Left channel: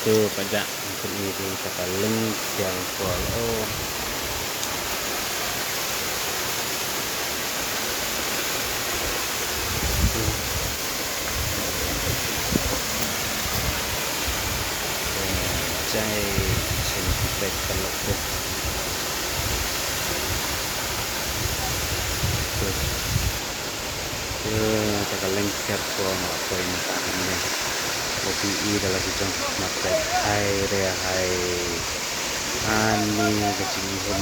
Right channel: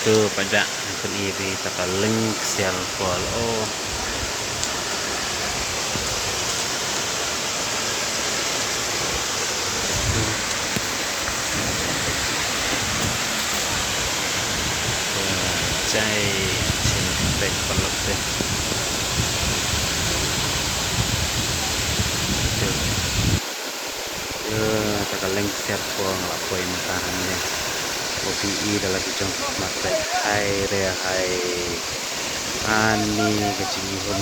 tu pada peniri taka link sial pol oh cai sin back pelok deh taka link sial pol ngelapoi mentahan deh kopi dalam bidang matek hai rea hai ani kecilihun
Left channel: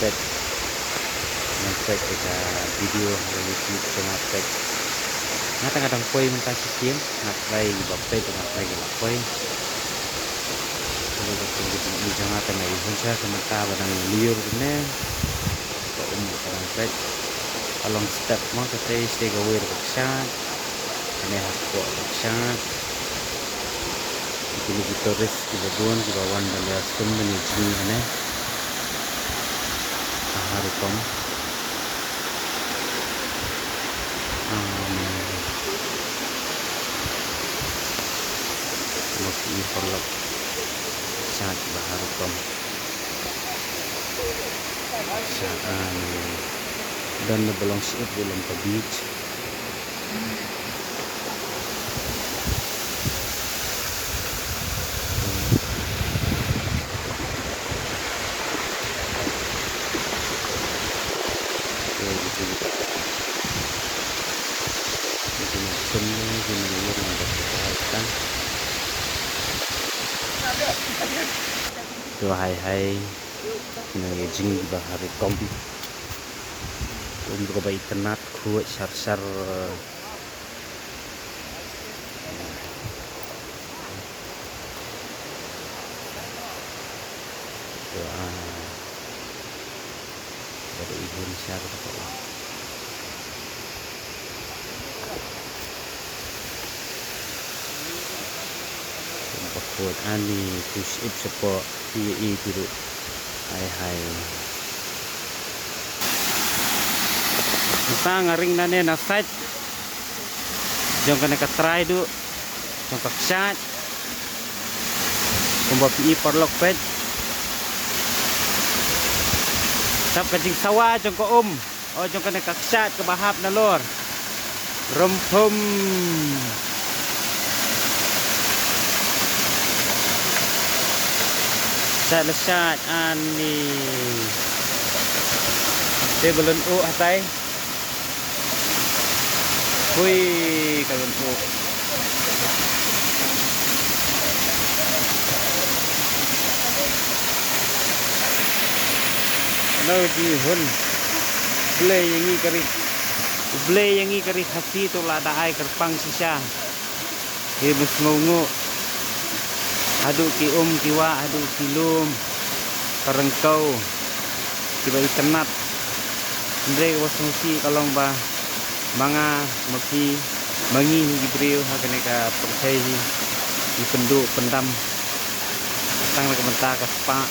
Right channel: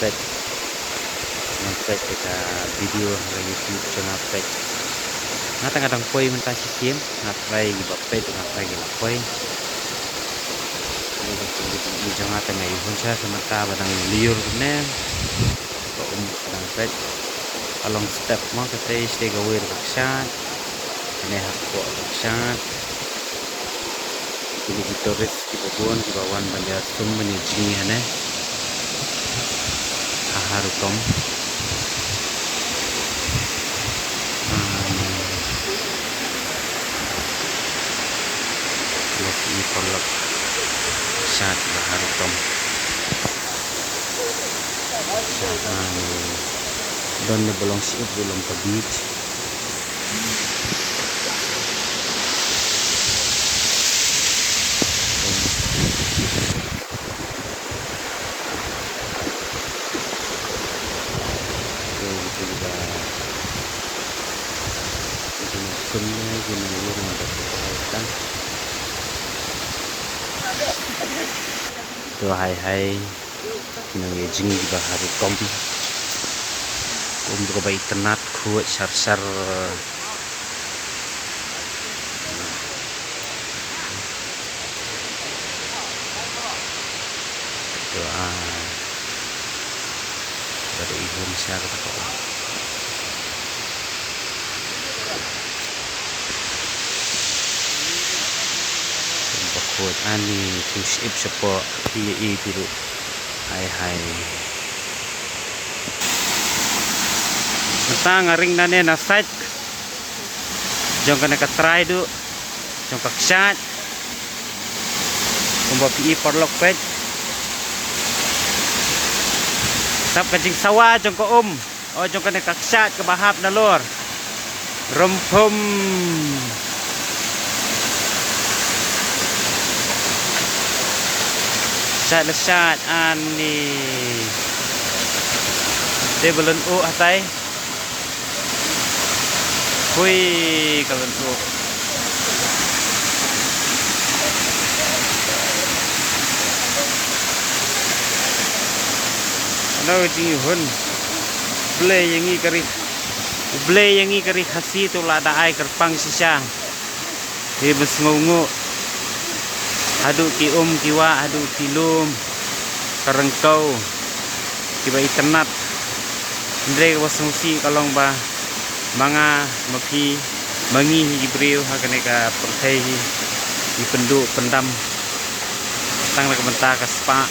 pet matek kita video lagi YouTube tengah pet ngata kadang poi mentah sisim ngatai bapet ngatai lapoi ini jangan tengah ihun saya sementara badang liur kene kok kadang pet along step mo kasi stay away ka chat ane hakpo ka chat kini gitoris kibabon kibawan bandar sum menijini ane harukom ane waktu polok chat baharukom chat ane dan belum siap belum ke beach oke gitu kita bikin sumnya gini yang untuk kita tuh hai ini jing di baharu kombi untuk bayi tenat kuat sar doa pada ihun saya kata kau tempat kuat ani tusip sepo biru hai Nata ngaring nane na site jong kana ka try do jong ka chat kumba pi porlok pet tap kajing sawa jong ko o jong kana ka chat ka bahap na lor rumpum chat ani tebelun hatai Wih, kawan tu. Ano di hun? Blay yang i kari khasi tu lada ai kerpang sisa. He besngungu. Adu ki kiwa, adu kilum. Karengkau. Kiba iternat. Ndre wasmusi kalong ba. Mga mapi mangi hibriu hakaneka pertai di penduk pendam tang nak mentah ka spa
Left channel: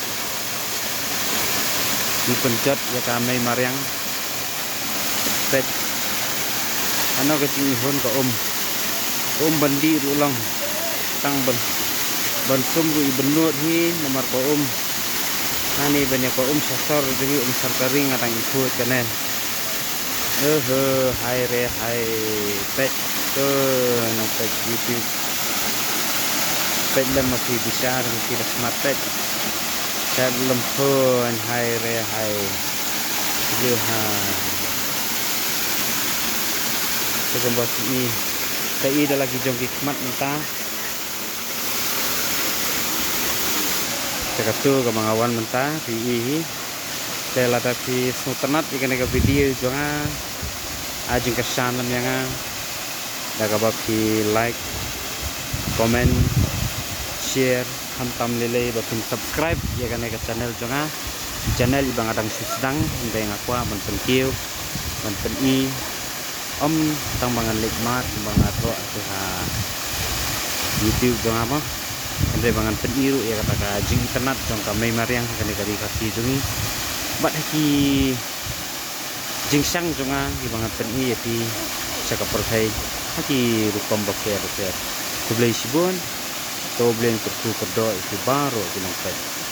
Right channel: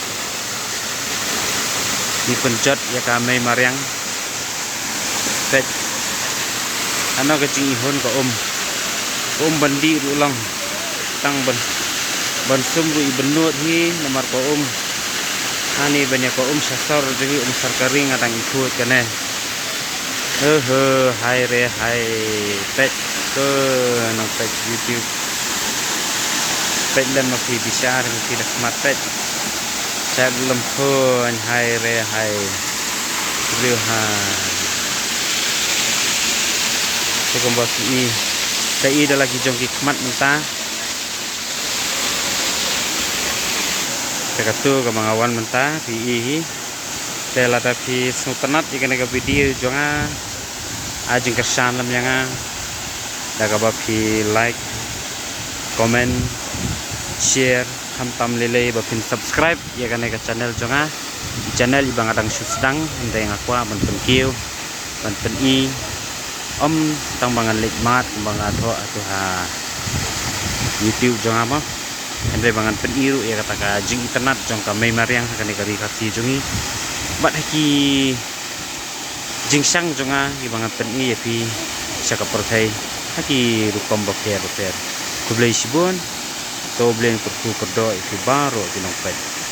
di penjot ya kami mariang pet ano kecing ihun ka bandi ulang tang ban sumru ibenut hi namar ka ani banyak ka sasar jadi sarkaring atang ikut kene hai re hai pet ke nang pet YouTube pet lem masih bisa masih dah smart pet saya lempun hai re hai riuhan sekembas ini saya dah lagi jongki kemat mentah saya kata ke mengawan mentah pi saya lada pi snutenat ikan eka video jonga ajeng kesan lam yang dah kabab pi like comment share hantam lele bapin subscribe ya kan eka channel jonga channel ibang adang susdang handa yang aku ban penkiu ban peni tang bangan likmat bangan atho atau YouTube jonga apa handa bangan peniru ya kata ka jing internet jong ka may mariang kan eka rikasi jongi bat haki jingsang jonga ibangat pen i yapi saka perthai Haki rukam ba fair. Kublai shibun, to blame perku perdo ifi baro dinong pet.